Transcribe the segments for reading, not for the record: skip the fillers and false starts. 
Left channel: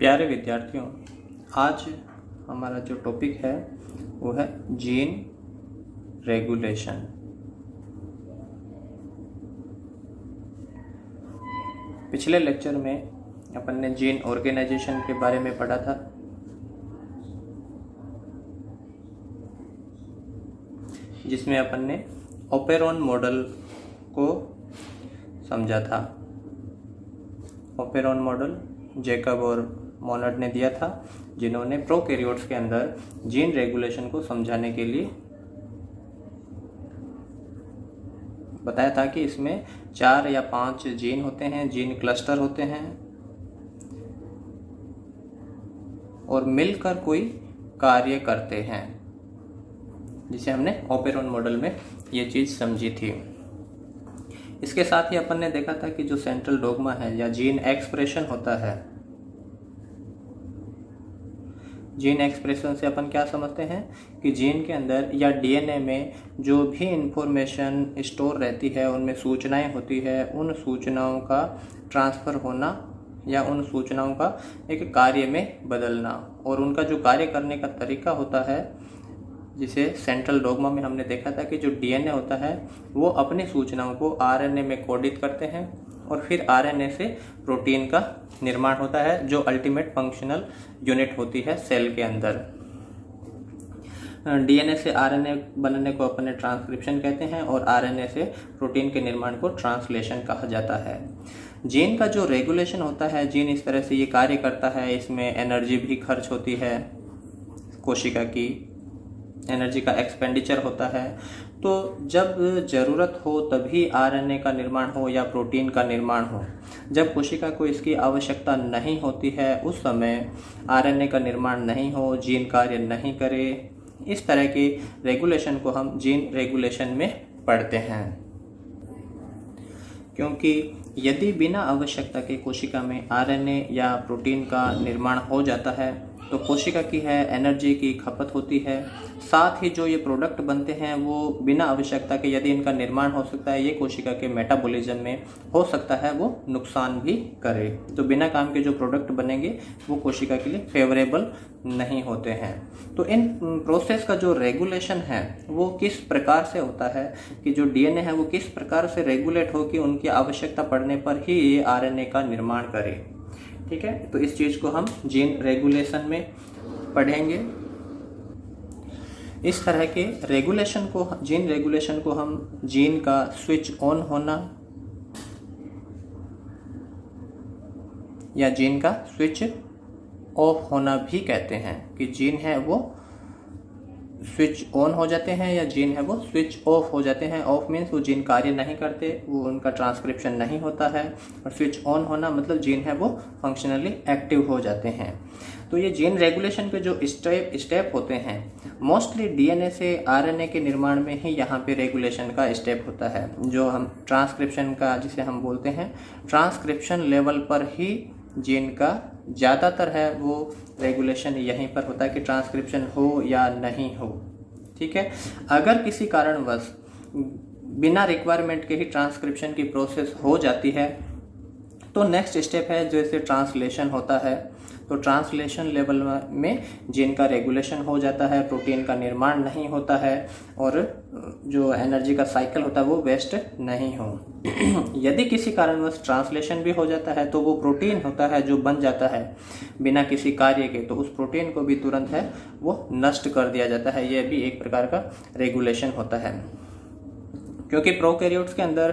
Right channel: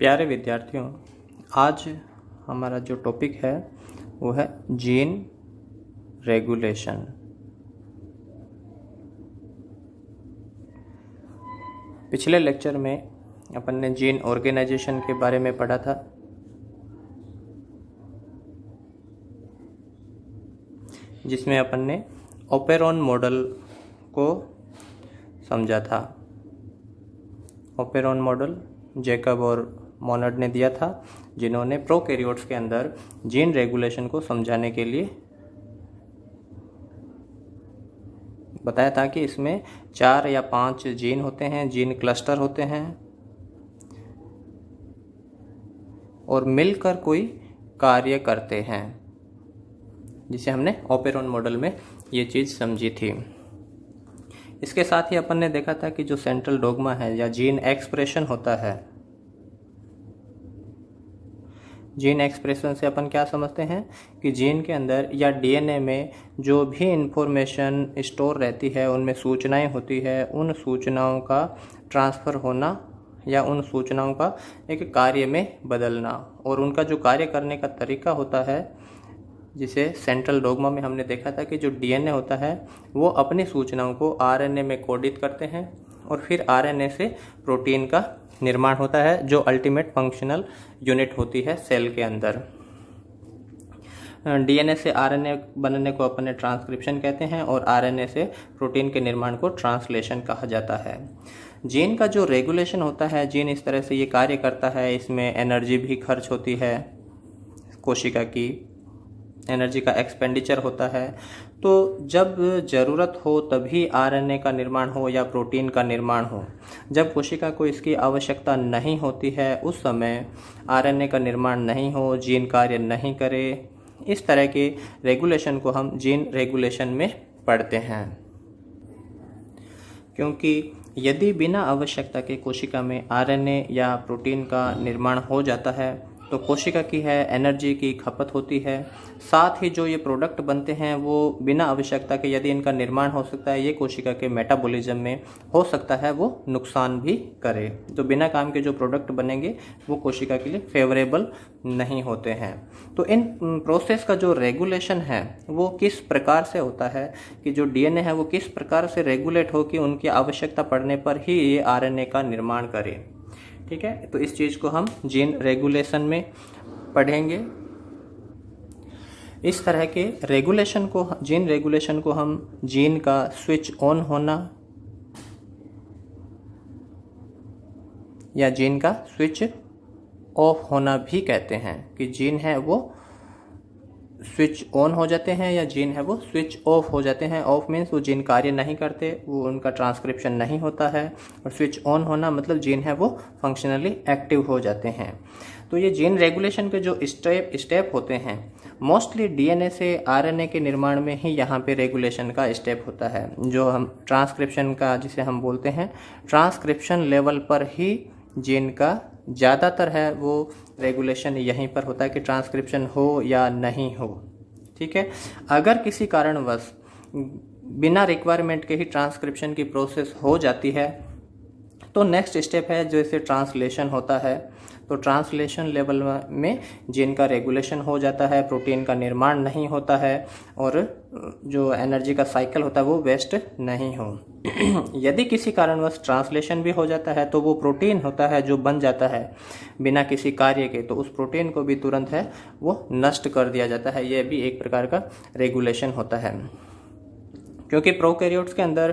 प्यारे विद्यार्थियों, आज हमारा जो टॉपिक है वो है जीन रेगुलेशन। पिछले लेक्चर में अपन ने जीन ऑर्गेनाइजेशन के बारे में पढ़ा था, जिसमें अपन ने ओपेरॉन मॉडल को समझा था। ओपेरॉन मॉडल जैकब और मोनड ने दिया था, जिन्होंने प्रोकैरियोट्स के अंदर जीन रेगुलेशन को समझाने के लिए बताया था कि इसमें 4 या 5 जीन होते हैं, जीन क्लस्टर होते हैं और मिलकर कोई कार्य करते हैं, जिसे हमने ओपेरॉन मॉडल में ये चीज़ समझी थी। इसके साथ ही अपन ने देखा था कि जो सेंट्रल डोग्मा है या जीन एक्सप्रेशन होता है, जीन एक्सप्रेशन से अपन क्या समझते हैं कि जीन के अंदर या डीएनए में जो भी इंफॉर्मेशन स्टोर रहती है, उनमें सूचनाएं होती है, उन सूचनाओं का ट्रांसफ़र होना या उन सूचनाओं का एक कार्य में बदलना, और उनका जो कार्य करने का तरीका होता है, जिसे सेंट्रल डोग्मा में हमने देखा था कि जो डीएनए होता है वो अपनी सूचनाओं को आरएनए में कोडित करते हैं और फिर आरएनए से प्रोटीन का निर्माण होता है, जो अल्टीमेट फंक्शनल यूनिट होती है सेल के अंदर। डीएनए से आरएनए बनने को अपन ट्रांसक्रिप्शन कहते हैं और आरएनए से प्रोटीन के निर्माण को ट्रांसलेशन कहा जाता है। जीन का जो रेगुलेशन होता है, जीन इस तरह से ये कार्य करता है, इसमें एनर्जी भी खर्च होती है, कोशिका की एनर्जी का एक्सपेंडिचर होता है। तो जब ज़रूरत हो तभी आरएनए का निर्माण हो या प्रोटीन का निर्माण हो, जब कोशिका को इसकी आवश्यकता नहीं होती है उस समय आरएनए का निर्माण नहीं हो, जीन कार्य नहीं करे, इस तरह के रेगुलेशन को हम जीन रेगुलेशन में पढ़ते हैं। क्योंकि यदि बिना आवश्यकता के कोशिका में आरएनए या प्रोटीन का निर्माण हो जाता है तो कोशिका की है एनर्जी की खपत होती है, साथ ही जो ये प्रोडक्ट बनते हैं वो बिना आवश्यकता के, यदि इनका निर्माण हो सकता है, ये कोशिका के मेटाबॉलिज्म में हो सकता है वो नुकसान भी करे। तो बिना काम के जो प्रोडक्ट बनेंगे वो कोशिका के लिए फेवरेबल नहीं होते हैं। तो इन प्रोसेस का जो रेगुलेशन है वो किस प्रकार से होता है कि जो डीएनए है वो किस प्रकार से रेगुलेट हो कि उनकी आवश्यकता पड़ने पर ही ये आरएनए का निर्माण करे। ठीक है, तो इस चीज़ को हम जीन रेगुलेशन में पढ़ेंगे। इस तरह के रेगुलेशन को, जीन रेगुलेशन को हम जीन का स्विच ऑन होना या जीन का स्विच ऑफ होना भी कहते हैं, कि जीन है वो स्विच ऑन हो जाते हैं या जीन है वो स्विच ऑफ हो जाते हैं। ऑफ मीन्स वो जीन कार्य नहीं करते, वो उनका ट्रांसक्रिप्शन नहीं होता है, और स्विच ऑन होना मतलब जीन है वो फंक्शनली एक्टिव हो जाते हैं। तो ये जीन रेगुलेशन के जो स्टेप होते हैं, मोस्टली डीएनए से आरएनए के निर्माण में ही यहाँ पे रेगुलेशन का स्टेप होता है, जो हम ट्रांसक्रिप्शन का, जिसे हम बोलते हैं ट्रांसक्रिप्शन लेवल पर ही जीन का ज़्यादातर है वो रेगुलेशन यहीं पर होता है कि ट्रांसक्रिप्शन हो या नहीं हो। ठीक है, अगर किसी कारणवश बिना रिक्वायरमेंट के ही ट्रांसक्रिप्शन की प्रोसेस हो जाती है तो नेक्स्ट स्टेप है जैसे ट्रांसलेशन होता है। तो ट्रांसलेशन लेवल में जीन का रेगुलेशन हो जाता है, प्रोटीन का निर्माण नहीं होता है और जो एनर्जी का साइकिल होता है वो वेस्ट नहीं हो। यदि किसी कारणवश ट्रांसलेशन भी हो जाता है तो वो प्रोटीन होता है जो बन जाता है बिना किसी कार्य के, तो उस प्रोटीन को भी तुरंत है वो नष्ट कर दिया जाता है। यह भी एक प्रकार का रेगुलेशन होता है, क्योंकि प्रोकैरियोट्स के अंदर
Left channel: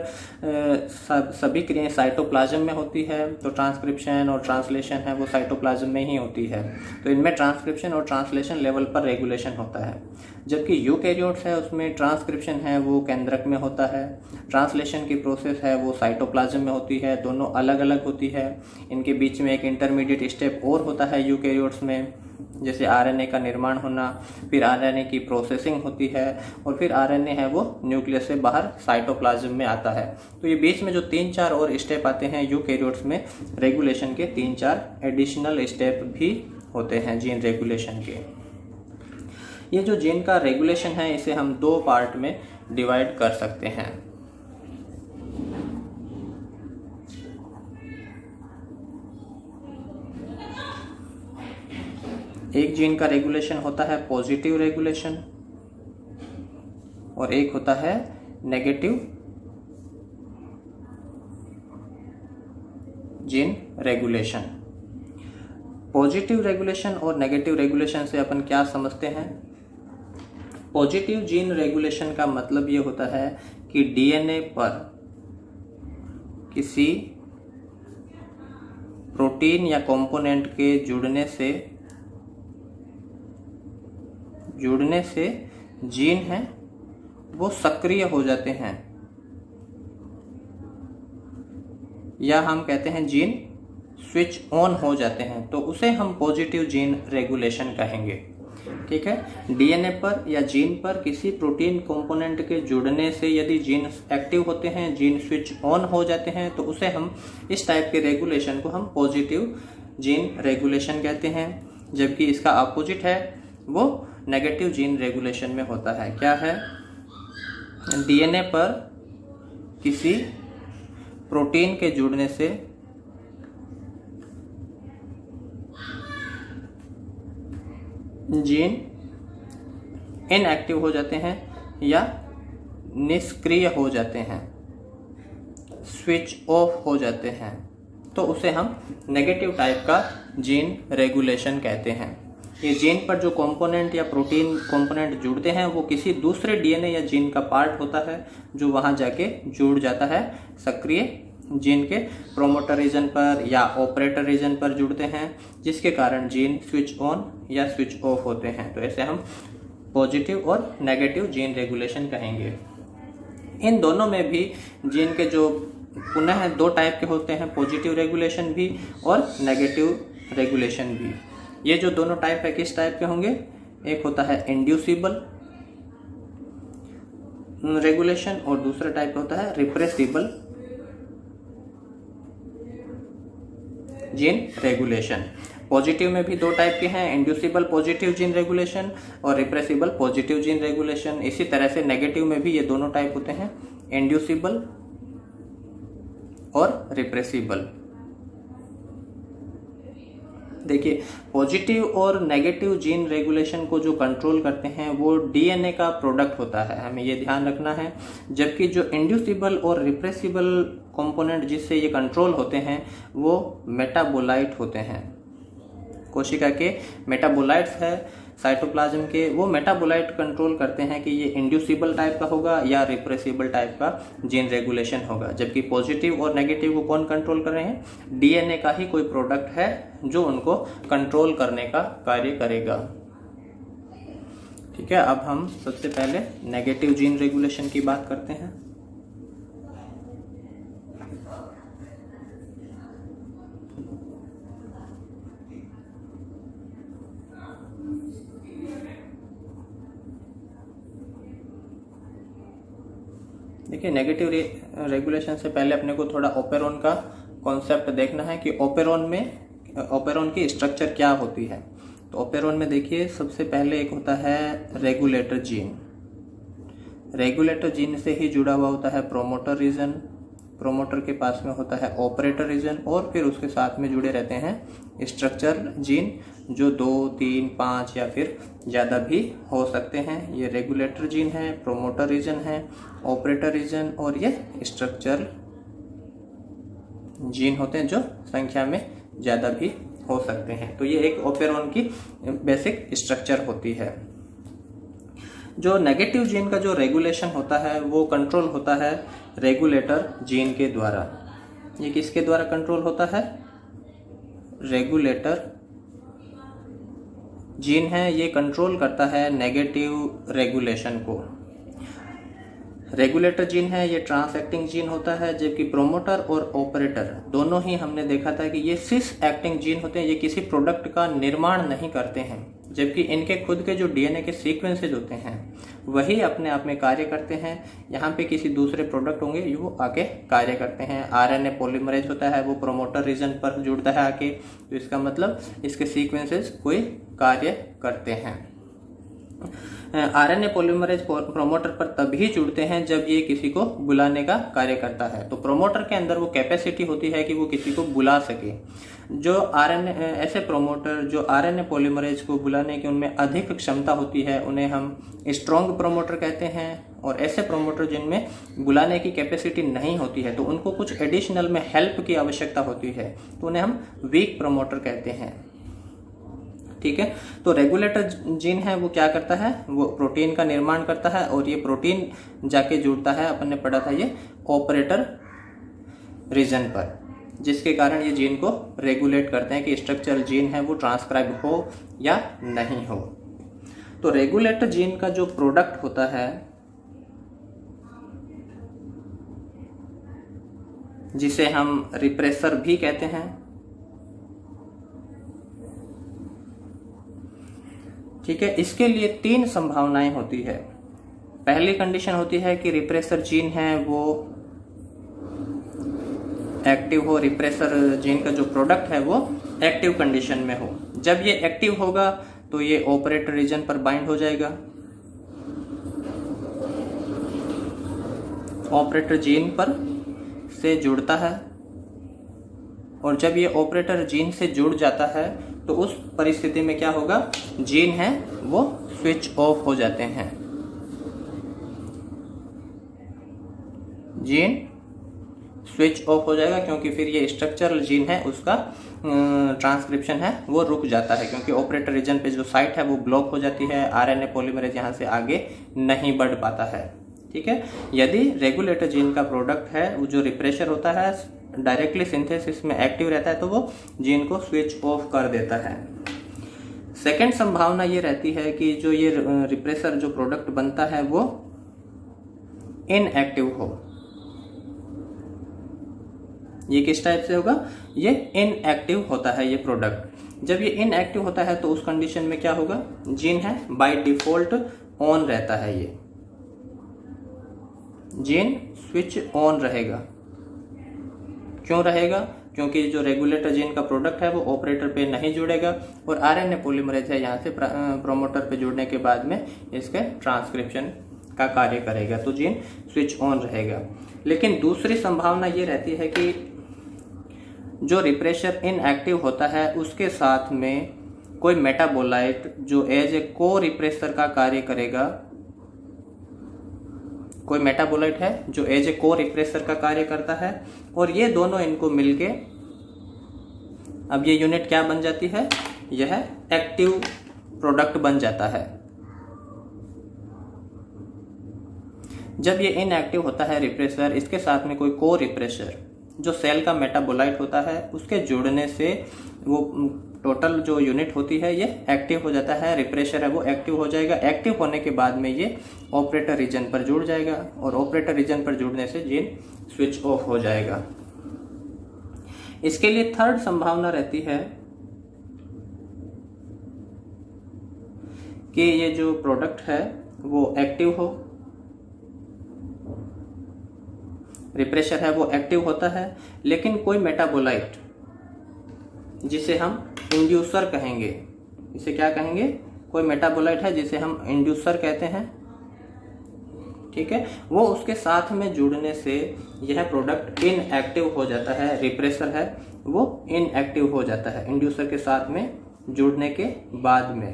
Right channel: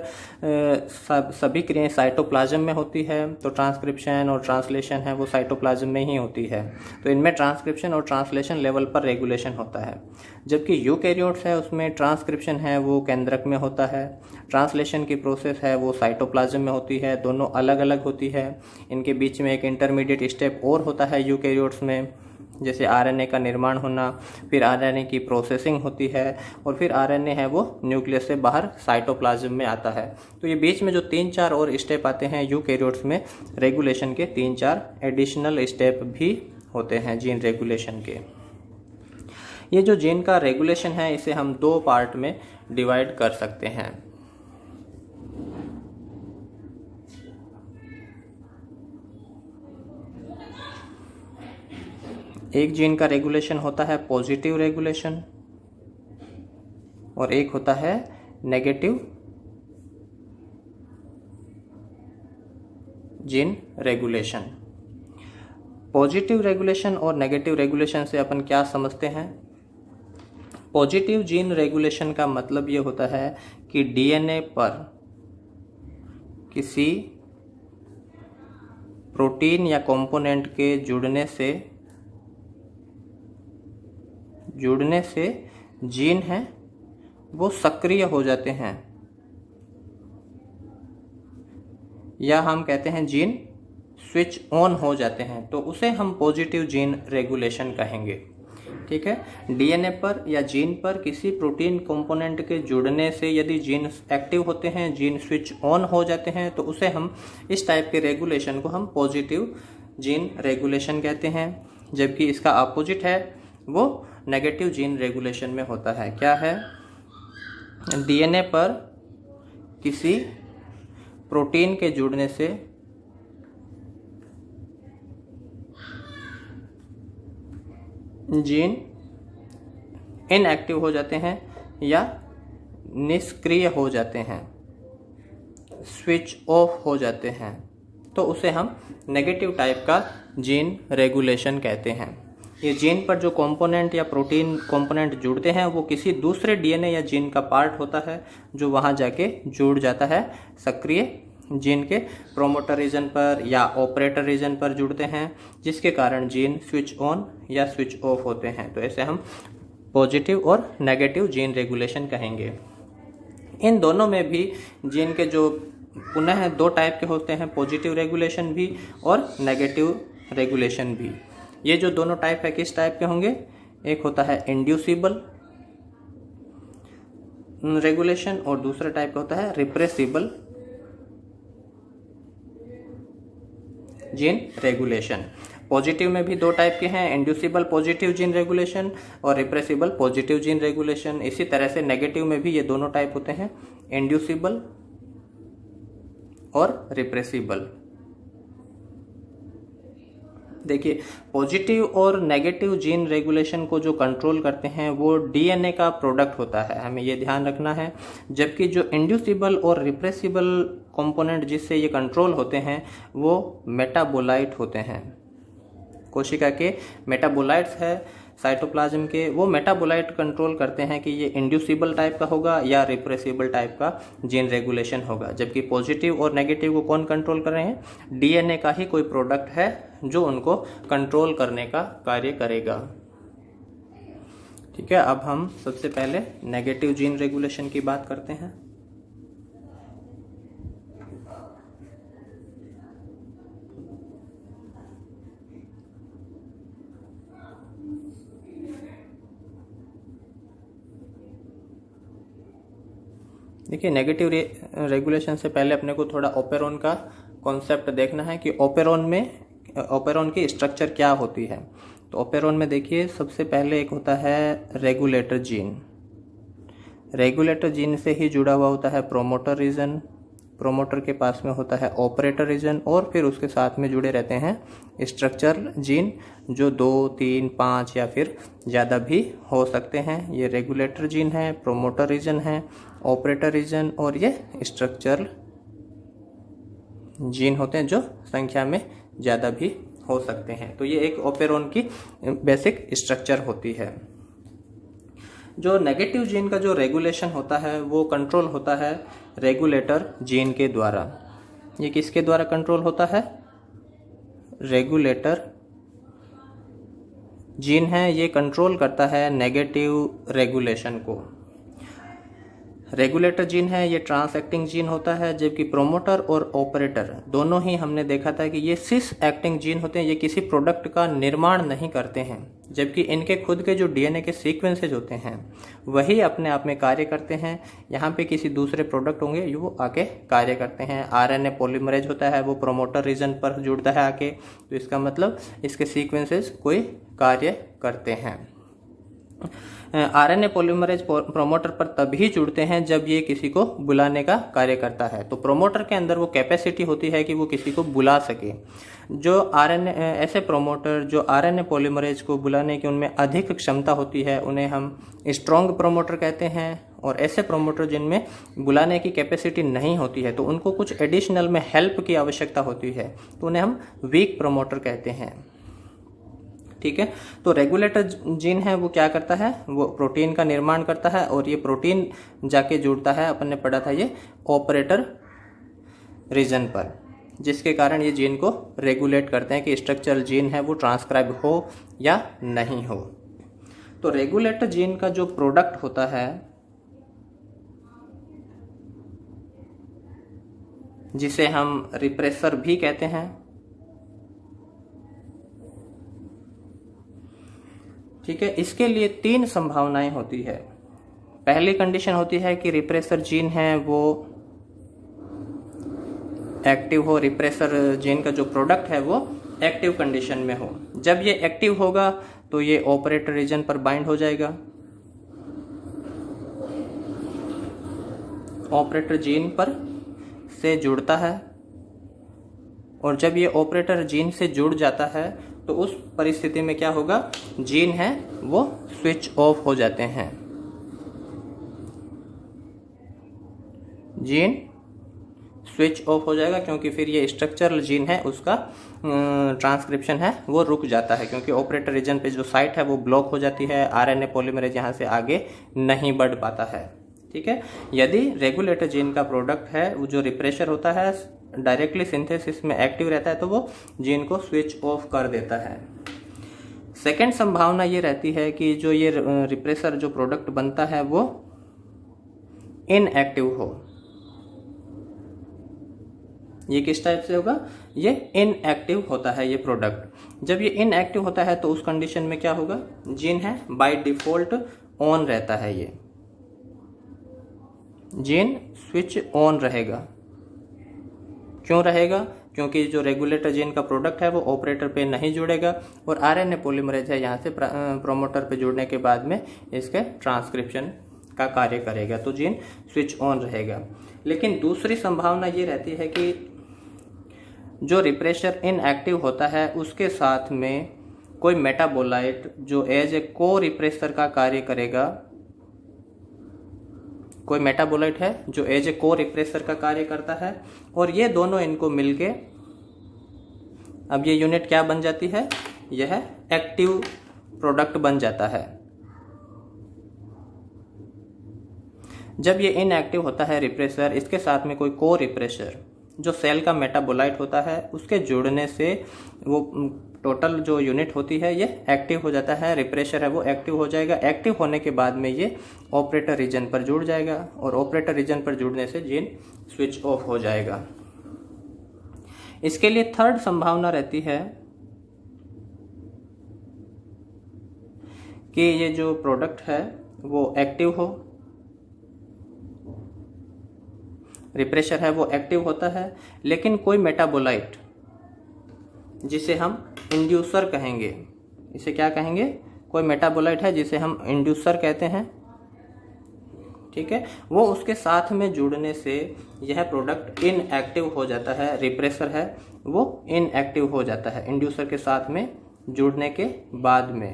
सभी क्रियाएं साइटोप्लाज्म में होती है, तो ट्रांसक्रिप्शन और ट्रांसलेशन है वो साइटोप्लाज्म में ही होती है। तो इनमें ट्रांसक्रिप्शन और ट्रांसलेशन लेवल पर रेगुलेशन होता है। जबकि यूकैरियोट्स है उसमें ट्रांसक्रिप्शन है वो केंद्रक में होता है, ट्रांसलेशन की प्रोसेस है वो साइटोप्लाज्म में होती है, दोनों अलग अलग होती है। इनके बीच में एक इंटरमीडिएट स्टेप और होता है यूकैरियोट्स में, जैसे आरएनए का निर्माण होना, फिर आरएनए की प्रोसेसिंग होती है और फिर आरएनए है वो न्यूक्लियस से बाहर साइटोप्लाज्म में आता है। तो ये बीच में जो 3-4 और स्टेप आते हैं यूकैरियोट्स में, रेगुलेशन के 3-4 एडिशनल स्टेप भी होते हैं जीन रेगुलेशन के। ये जो जीन का रेगुलेशन है इसे हम 2 पार्ट में डिवाइड कर सकते हैं। एक जीन का रेगुलेशन होता है पॉजिटिव रेगुलेशन और एक होता है negative gene regulation. Positive regulation और नेगेटिव रेगुलेशन से अपन क्या समझते हैं? पॉजिटिव जीन रेगुलेशन का मतलब ये होता है कि डीएनए पर किसी प्रोटीन या कंपोनेंट के जुड़ने से जीन हैं वो सक्रिय हो जाते हैं, या हम कहते हैं जीन स्विच ऑन हो जाते हैं, तो उसे हम पॉजिटिव जीन रेगुलेशन कहेंगे। ठीक है, डीएनए पर या जीन पर किसी प्रोटीन कंपोनेंट के जुड़ने से यदि जीन एक्टिव होते हैं, जीन स्विच ऑन हो जाते हैं, तो उसे हम इस टाइप के रेगुलेशन को हम पॉजिटिव जीन रेगुलेशन कहते हैं। जबकि इसका अपोजिट है वो नेगेटिव जीन रेगुलेशन में होता है। क्या है? डीएनए पर किसी प्रोटीन के जुड़ने से जीन इनएक्टिव हो जाते हैं या निष्क्रिय हो जाते हैं, स्विच ऑफ हो जाते हैं, तो उसे हम नेगेटिव टाइप का जीन रेगुलेशन कहते हैं। ये जीन पर जो कंपोनेंट या प्रोटीन कंपोनेंट जुड़ते हैं वो किसी दूसरे डीएनए या जीन का पार्ट होता है जो वहाँ जाके जुड़ जाता है, सक्रिय जीन के प्रोमोटर रीजन पर या ऑपरेटर रीजन पर जुड़ते हैं, जिसके कारण जीन स्विच ऑन या स्विच ऑफ होते हैं। तो ऐसे हम पॉजिटिव और नेगेटिव जीन रेगुलेशन कहेंगे। इन दोनों में भी जीन के जो पुनः दो टाइप के होते हैं, पॉजिटिव रेगुलेशन भी और नेगेटिव रेगुलेशन भी। ये जो दोनों टाइप है किस टाइप के होंगे? एक होता है इंड्यूसिबल रेगुलेशन और दूसरा टाइप होता है रिप्रेसिबल जीन रेगुलेशन। पॉजिटिव में भी दो टाइप के हैं, इंड्यूसिबल पॉजिटिव जीन रेगुलेशन और रिप्रेसिबल पॉजिटिव जीन रेगुलेशन। इसी तरह से नेगेटिव में भी ये दोनों टाइप होते हैं, इंड्यूसिबल और रिप्रेसिबल। देखिए, पॉजिटिव और नेगेटिव जीन रेगुलेशन को जो कंट्रोल करते हैं वो डीएनए का प्रोडक्ट होता है, हमें ये ध्यान रखना है। जबकि जो इंड्यूसिबल और रिप्रेसिबल कंपोनेंट जिससे ये कंट्रोल होते हैं वो मेटाबोलाइट होते हैं। कोशिका के मेटाबोलाइट्स है साइटोप्लाज्म के, वो मेटाबोलाइट कंट्रोल करते हैं कि ये इंड्यूसिबल टाइप का होगा या रिप्रेसिबल टाइप का जीन रेगुलेशन होगा। जबकि पॉजिटिव और नेगेटिव को कौन कंट्रोल कर रहे हैं? डीएनए का ही कोई प्रोडक्ट है जो उनको कंट्रोल करने का कार्य करेगा। ठीक है, अब हम सबसे पहले नेगेटिव जीन रेगुलेशन की बात करते हैं। देखिए, नेगेटिव रेगुलेशन से पहले अपने को थोड़ा ओपेरॉन का कॉन्सेप्ट देखना है कि ओपेरॉन की स्ट्रक्चर क्या होती है। तो ओपेरॉन में देखिए, सबसे पहले एक होता है रेगुलेटर जीन। रेगुलेटर जीन से ही जुड़ा हुआ होता है प्रोमोटर रीजन, प्रोमोटर के पास में होता है ऑपरेटर रीजन, और फिर उसके साथ में जुड़े रहते हैं स्ट्रक्चर जीन जो 2, 3, 5 या फिर ज़्यादा भी हो सकते हैं। ये रेगुलेटर जीन है, प्रोमोटर रीजन है, ऑपरेटर रीजन और ये स्ट्रक्चर जीन होते हैं जो संख्या में ज़्यादा भी हो सकते हैं। तो ये एक ओपेरॉन की बेसिक स्ट्रक्चर होती है। जो नेगेटिव जीन का जो रेगुलेशन होता है वो कंट्रोल होता है रेगुलेटर जीन के द्वारा। ये किसके द्वारा कंट्रोल होता है? रेगुलेटर जीन है, ये कंट्रोल करता है नेगेटिव रेगुलेशन को। रेगुलेटर जीन है, ये ट्रांस एक्टिंग जीन होता है, जबकि प्रोमोटर और ऑपरेटर दोनों ही हमने देखा था कि ये सिस एक्टिंग जीन होते हैं। ये किसी प्रोडक्ट का निर्माण नहीं करते हैं, जबकि इनके खुद के जो डीएनए के सीक्वेंसेज होते हैं वही अपने आप में कार्य करते हैं। यहाँ पे किसी दूसरे प्रोडक्ट होंगे वो आके कार्य करते हैं। आरएनए पॉलीमरेज होता है, वो प्रोमोटर रीजन पर जुड़ता है आके, तो इसका मतलब इसके सीक्वेंसेस कोई कार्य करते हैं। आरएनए पॉलीमरेज प्रोमोटर पर तभी जुड़ते हैं जब ये किसी को बुलाने का कार्य करता है। तो प्रोमोटर के अंदर वो कैपेसिटी होती है कि वो किसी को बुला सके। जो आरएनए ऐसे प्रोमोटर जो आरएनए पॉलीमरेज को बुलाने की उनमें अधिक क्षमता होती है उन्हें हम स्ट्रॉन्ग प्रोमोटर कहते हैं। और ऐसे प्रोमोटर जिनमें बुलाने की कैपेसिटी नहीं होती है तो उनको कुछ एडिशनल में हेल्प की आवश्यकता होती है तो उन्हें हम वीक प्रोमोटर कहते हैं। ठीक है, तो रेगुलेटर जीन है वो क्या करता है, वो प्रोटीन का निर्माण करता है और ये प्रोटीन जाके जुड़ता है, अपन ने पढ़ा था ये ऑपरेटर रीजन पर, जिसके कारण ये जीन को रेगुलेट करते हैं कि स्ट्रक्चरल जीन है वो ट्रांसक्राइब हो या नहीं हो। तो रेगुलेटर जीन का जो प्रोडक्ट होता है जिसे हम रिप्रेसर भी कहते हैं, ठीक है, इसके लिए 3 संभावनाएं होती है। पहली कंडीशन होती है कि रिप्रेसर जीन है वो एक्टिव हो, रिप्रेसर जीन का जो प्रोडक्ट है वो एक्टिव कंडीशन में हो। जब ये एक्टिव होगा तो ये ऑपरेटर रीजन पर बाइंड हो जाएगा, ऑपरेटर जीन पर से जुड़ता है और जब ये ऑपरेटर जीन से जुड़ जाता है तो उस परिस्थिति में क्या होगा, जीन है वो स्विच ऑफ हो जाते हैं। जीन स्विच ऑफ हो जाएगा क्योंकि फिर ये स्ट्रक्चरल जीन है उसका ट्रांसक्रिप्शन है वो रुक जाता है, क्योंकि ऑपरेटर रीजन पे जो साइट है वो ब्लॉक हो जाती है, आरएनए पॉलीमरेज यहाँ से आगे नहीं बढ़ पाता है। ठीक है, यदि रेगुलेटर जीन का प्रोडक्ट है वो जो रिप्रेशर होता है डायरेक्टली सिंथेसिस में एक्टिव रहता है तो वो जीन को स्विच ऑफ कर देता है। सेकेंड संभावना ये रहती है कि जो ये रिप्रेसर जो प्रोडक्ट बनता है वो इनएक्टिव हो। ये किस टाइप से होगा, ये इनएक्टिव होता है ये प्रोडक्ट। जब ये इनएक्टिव होता है तो उस कंडीशन में क्या होगा, जीन है बाय डिफॉल्ट ऑन रहता है, ये जीन स्विच ऑन रहेगा। क्यों रहेगा, क्योंकि जो रेगुलेटर जीन का प्रोडक्ट है वो ऑपरेटर पे नहीं जुड़ेगा और आरएनए पॉलीमरेज है यहाँ से प्रोमोटर पे जुड़ने के बाद में इसके ट्रांसक्रिप्शन का कार्य करेगा तो जीन स्विच ऑन रहेगा। लेकिन दूसरी संभावना ये रहती है कि जो रिप्रेशर इनएक्टिव होता है उसके साथ में कोई मेटाबोलाइट जो एज ए को रिप्रेसर का कार्य करेगा, कोई मेटाबोलाइट है जो एज ए को रिप्रेसर का कार्य करता है और ये दोनों इनको मिलके अब ये यूनिट क्या बन जाती है, यह एक्टिव प्रोडक्ट बन जाता है। जब ये इनएक्टिव होता है रिप्रेसर, इसके साथ में कोई को रिप्रेसर जो सेल का मेटाबोलाइट होता है उसके जुड़ने से वो टोटल जो यूनिट होती है ये एक्टिव हो जाता है, रिप्रेशर है वो एक्टिव हो जाएगा। एक्टिव होने के बाद में ये ऑपरेटर रीजन पर जुड़ जाएगा और ऑपरेटर रीजन पर जुड़ने से जीन स्विच ऑफ हो जाएगा। इसके लिए थर्ड संभावना रहती है कि ये जो प्रोडक्ट है वो एक्टिव हो, रिप्रेशर है वो एक्टिव होता है लेकिन कोई मेटाबोलाइट जिसे हम इंड्यूसर कहेंगे, इसे क्या कहेंगे, कोई मेटाबोलाइट है जिसे हम इंड्यूसर कहते हैं, ठीक है, वो उसके साथ में जुड़ने से यह प्रोडक्ट इनएक्टिव हो जाता है। रिप्रेसर है वो इनएक्टिव हो जाता है इंड्यूसर के साथ में जुड़ने के बाद में,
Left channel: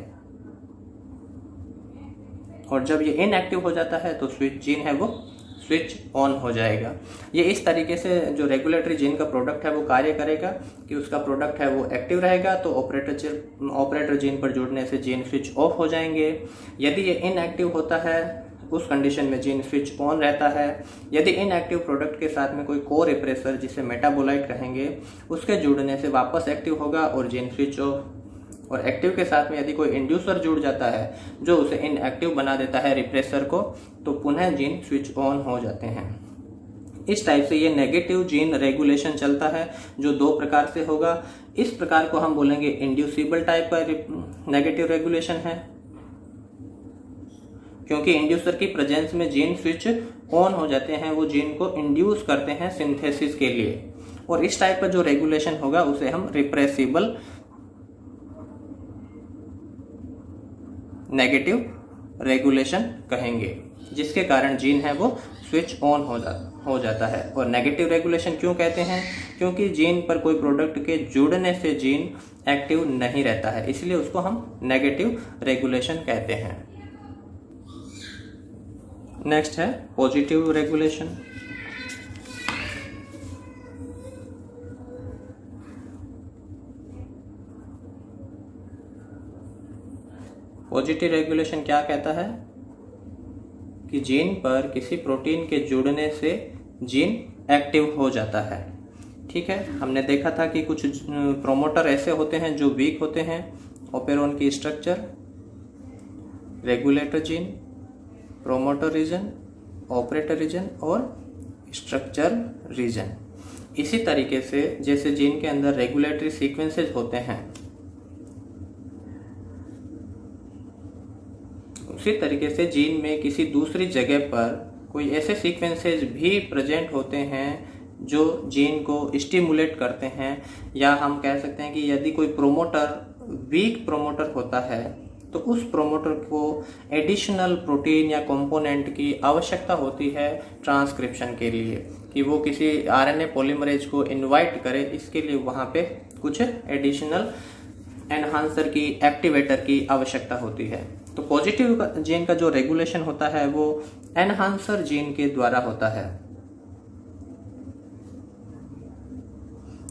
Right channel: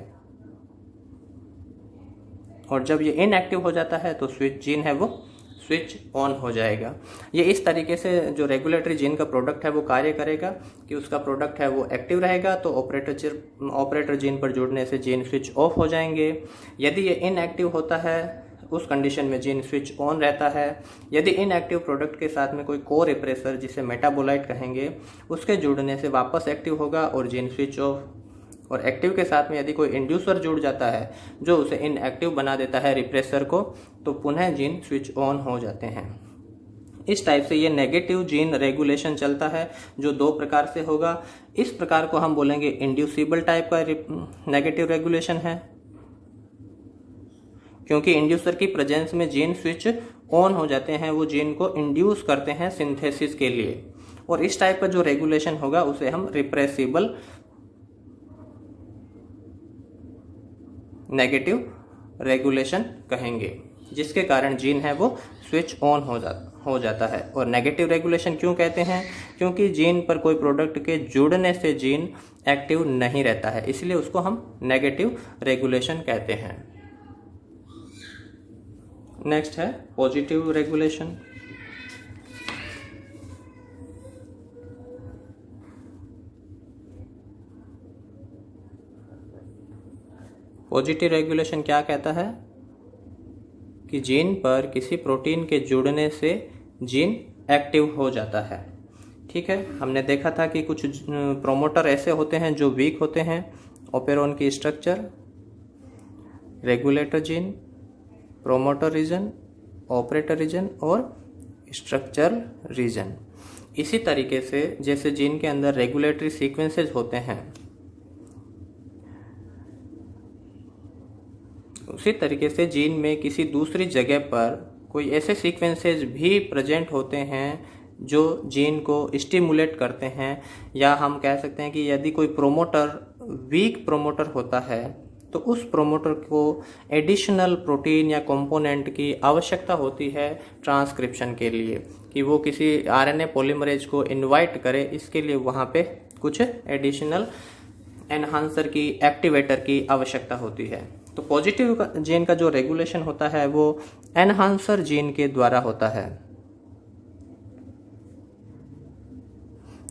और जब ये इनएक्टिव हो जाता है तो स्विच जीन है वो स्विच ऑन हो जाएगा। ये इस तरीके से जो रेगुलेटरी जीन का प्रोडक्ट है वो कार्य करेगा कि उसका प्रोडक्ट है वो एक्टिव रहेगा तो ऑपरेटर जीन पर जुड़ने से जीन स्विच ऑफ हो जाएंगे। यदि ये इनएक्टिव होता है उस कंडीशन में जीन स्विच ऑन रहता है। यदि इनएक्टिव प्रोडक्ट के साथ में कोई को रिप्रेसर जिसे मेटाबोलाइट कहेंगे उसके जुड़ने से वापस एक्टिव होगा और जीन स्विच ऑफ। और एक्टिव के साथ में यदि कोई इंड्यूसर जुड़ जाता है जो उसे इनएक्टिव बना देता है रिप्रेसर को, तो पुनः जीन स्विच ऑन हो जाते हैं। इस टाइप से ये नेगेटिव जीन रेगुलेशन चलता है जो 2 प्रकार से होगा। इस प्रकार को हम बोलेंगे इंड्यूसिबल टाइप का नेगेटिव रेगुलेशन है, क्योंकि इंड्यूसर की प्रेजेंस में जीन स्विच ऑन हो जाते हैं, वो जीन को इंड्यूस करते हैं सिंथेसिस के लिए। और इस टाइप का जो रेगुलेशन होगा उसे हम रिप्रेसिबल नेगेटिव रेगुलेशन कहेंगे, जिसके कारण जीन है वो स्विच ऑन हो जाता है। और नेगेटिव रेगुलेशन क्यों कहते हैं? क्योंकि जीन पर कोई प्रोडक्ट के जुड़ने से जीन एक्टिव नहीं रहता है, इसलिए उसको हम नेगेटिव रेगुलेशन कहते हैं। नेक्स्ट है पॉजिटिव रेगुलेशन। पॉजिटिव रेगुलेशन क्या कहता है कि जीन पर किसी प्रोटीन के जुड़ने से जीन एक्टिव हो जाता है। ठीक है, हमने देखा था कि कुछ प्रोमोटर ऐसे होते हैं जो वीक होते हैं। ओपेरॉन की structure, regulator gene, promoter region, operator region और स्ट्रक्चर रीजन। इसी तरीके से जैसे जीन के अंदर रेगुलेटरी सीक्वेंसेस होते हैं, उसी तरीके से जीन में किसी दूसरी जगह पर कोई ऐसे सीक्वेंसेस भी प्रेजेंट होते हैं जो जीन को स्टिमुलेट करते हैं, या हम कह सकते हैं कि यदि कोई प्रोमोटर वीक प्रोमोटर होता है तो उस प्रोमोटर को एडिशनल प्रोटीन या कंपोनेंट की आवश्यकता होती है ट्रांसक्रिप्शन के लिए, कि वो किसी आरएनए पॉलीमरेज को इनवाइट करे। इसके लिए वहाँ पे कुछ एडिशनल एनहांसर की, एक्टिवेटर की आवश्यकता होती है। तो पॉजिटिव जीन का जो रेगुलेशन होता है वो एनहांसर जीन के द्वारा होता है।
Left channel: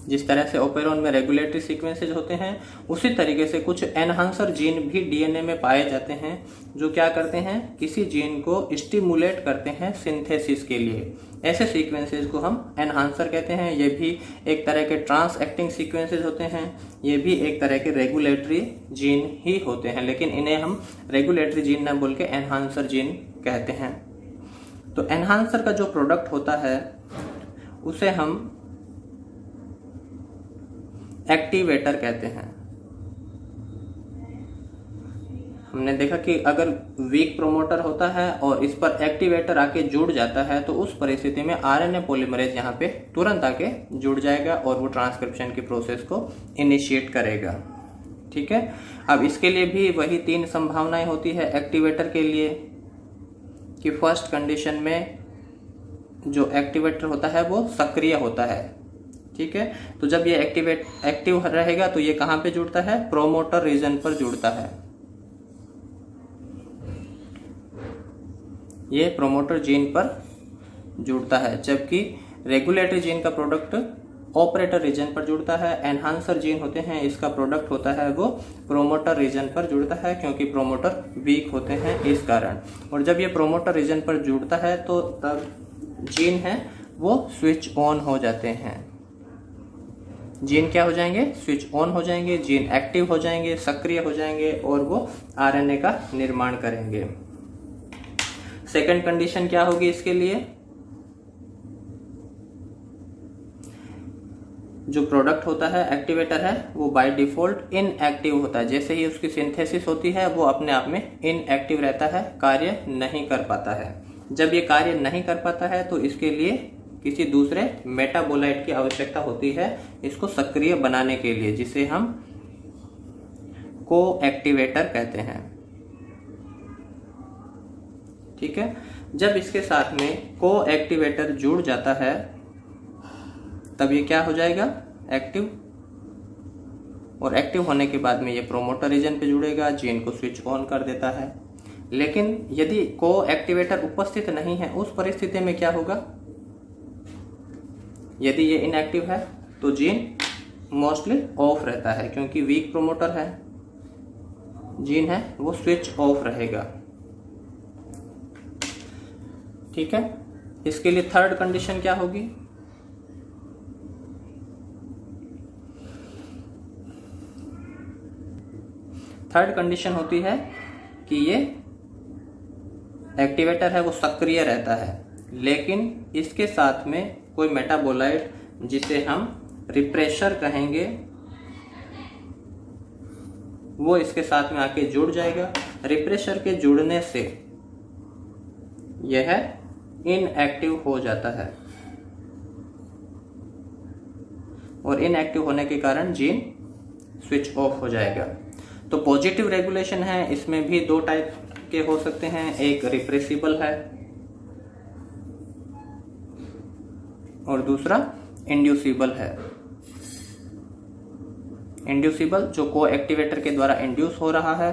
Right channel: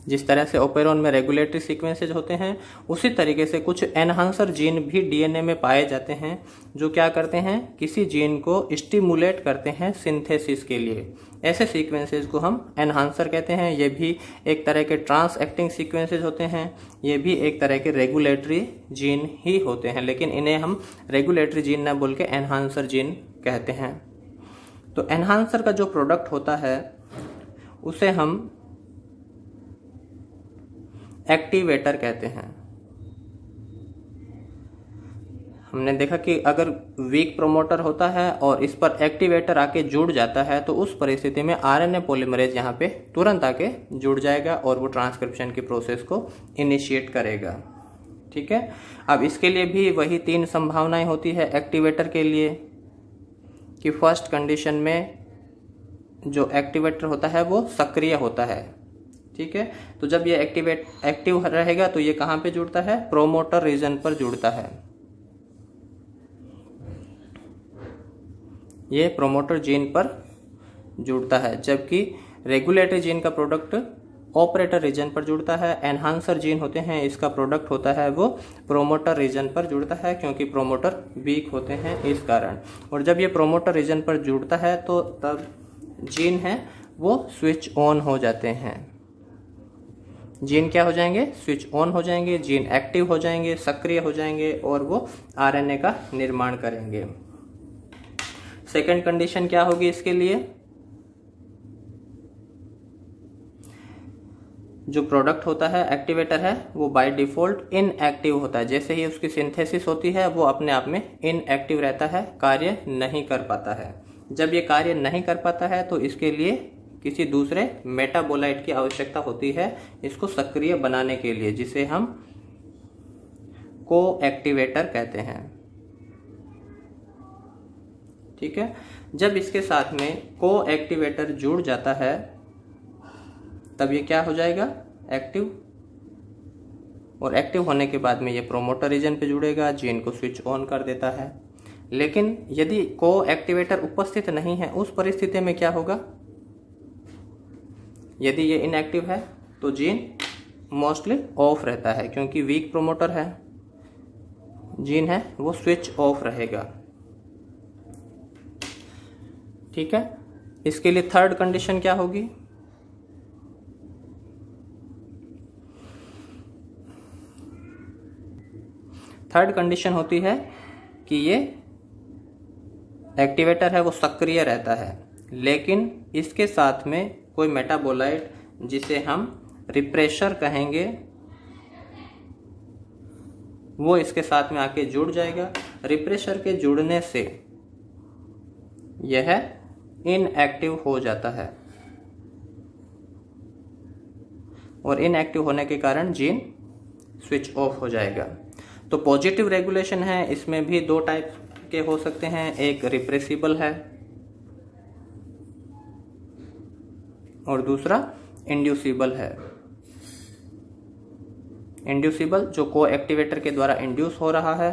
जिस तरह से ओपेरॉन में रेगुलेटरी सीक्वेंसेज होते हैं, उसी तरीके से कुछ एनहांसर जीन भी डीएनए में पाए जाते हैं, जो क्या करते हैं, किसी जीन को स्टिमुलेट करते हैं सिंथेसिस के लिए। ऐसे सीक्वेंसेस को हम एनहांसर कहते हैं। ये भी एक तरह के ट्रांस एक्टिंग सीक्वेंसेस होते हैं, ये भी एक तरह के रेगुलेटरी जीन ही होते हैं, लेकिन इन्हें हम रेगुलेटरी जीन ना बोल के एनहांसर जीन कहते हैं। तो एनहांसर का जो प्रोडक्ट होता है उसे हम एक्टिवेटर कहते हैं। हमने देखा कि अगर वीक प्रोमोटर होता है और इस पर एक्टिवेटर आके जुड़ जाता है तो उस परिस्थिति में आरएनए पॉलीमरेज यहाँ पे तुरंत आके जुड़ जाएगा और वो ट्रांसक्रिप्शन की प्रोसेस को इनिशिएट करेगा। ठीक है, अब इसके लिए भी वही 3 संभावनाएं होती है एक्टिवेटर के लिए, कि फर्स्ट कंडीशन में जो एक्टिवेटर होता है वो सक्रिय होता है। ठीक है, तो जब ये एक्टिव रहेगा तो ये कहाँ पे जुड़ता है, प्रोमोटर रीजन पर जुड़ता है। ये प्रोमोटर जीन पर जुड़ता है, जबकि रेगुलेटरी जीन का प्रोडक्ट ऑपरेटर रीजन पर जुड़ता है। एनहांसर जीन होते हैं, इसका प्रोडक्ट होता है वो प्रोमोटर रीजन पर जुड़ता है, क्योंकि प्रोमोटर वीक होते हैं इस कारण। और जब ये प्रोमोटर रीजन पर जुड़ता है तो तब जीन है वो स्विच ऑन हो जाते हैं। जीन क्या हो जाएंगे, स्विच ऑन हो जाएंगे, जीन एक्टिव हो जाएंगे, सक्रिय हो जाएंगे और वो आरएनए का निर्माण करेंगे। सेकंड कंडीशन क्या होगी इसके लिए, जो प्रोडक्ट होता है एक्टिवेटर है वो बाय डिफॉल्ट इनएक्टिव होता है। जैसे ही उसकी सिंथेसिस होती है वो अपने आप में इनएक्टिव रहता है, कार्य नहीं कर पाता है। जब ये कार्य नहीं कर पाता है तो इसके लिए किसी दूसरे मेटाबोलाइट की आवश्यकता होती है इसको सक्रिय बनाने के लिए, जिसे हम को एक्टिवेटर कहते हैं। ठीक है, जब इसके साथ में को एक्टिवेटर जुड़ जाता है तब ये क्या हो जाएगा, एक्टिव। और एक्टिव होने के बाद में ये प्रोमोटर रीजन पे जुड़ेगा, जीन को स्विच ऑन कर देता है। लेकिन यदि को एक्टिवेटर उपस्थित नहीं है उस परिस्थिति में क्या होगा, यदि ये इनएक्टिव है तो जीन मोस्टली ऑफ रहता है, क्योंकि वीक प्रोमोटर है, जीन है वो स्विच ऑफ रहेगा। ठीक है, इसके लिए थर्ड कंडीशन क्या होगी, थर्ड कंडीशन होती है कि ये एक्टिवेटर है वो सक्रिय रहता है, लेकिन इसके साथ में कोई मेटाबोलाइट जिसे हम रिप्रेशर कहेंगे वो इसके साथ में आके जुड़ जाएगा। रिप्रेशर के जुड़ने से यह इनएक्टिव हो जाता है और इनएक्टिव होने के कारण जीन स्विच ऑफ हो जाएगा। तो पॉजिटिव रेगुलेशन है, इसमें भी 2 टाइप के हो सकते हैं, एक रिप्रेसिबल है और दूसरा इंड्यूसिबल है। इंड्यूसिबल जो को एक्टिवेटर के द्वारा इंड्यूस हो रहा है,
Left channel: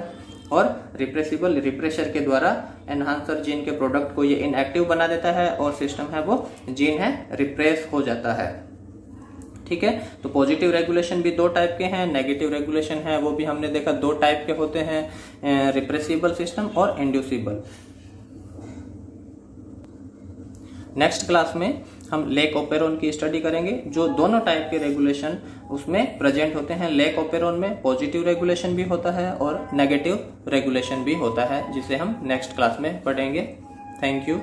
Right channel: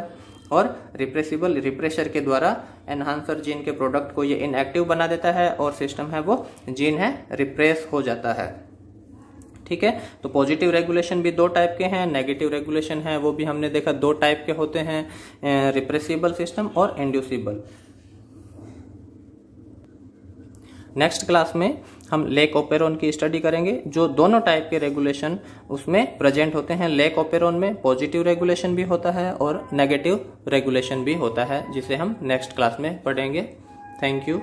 और रिप्रेसिबल रिप्रेशर के द्वारा एनहांसर जीन के प्रोडक्ट को ये इनएक्टिव बना देता है और सिस्टम है वो जीन है रिप्रेस हो जाता है। ठीक है, तो पॉजिटिव रेगुलेशन भी दो टाइप के हैं, नेगेटिव रेगुलेशन है वो भी हमने देखा दो टाइप के होते हैं, रिप्रेसिबल सिस्टम और इंड्यूसिबल। नेक्स्ट क्लास में हम लेक ओपेरोन की स्टडी करेंगे, जो दोनों टाइप के रेगुलेशन उसमें प्रेजेंट होते हैं। लेक ओपेरोन में पॉजिटिव रेगुलेशन भी होता है और नेगेटिव रेगुलेशन भी होता है, जिसे हम नेक्स्ट क्लास में पढ़ेंगे। Thank you.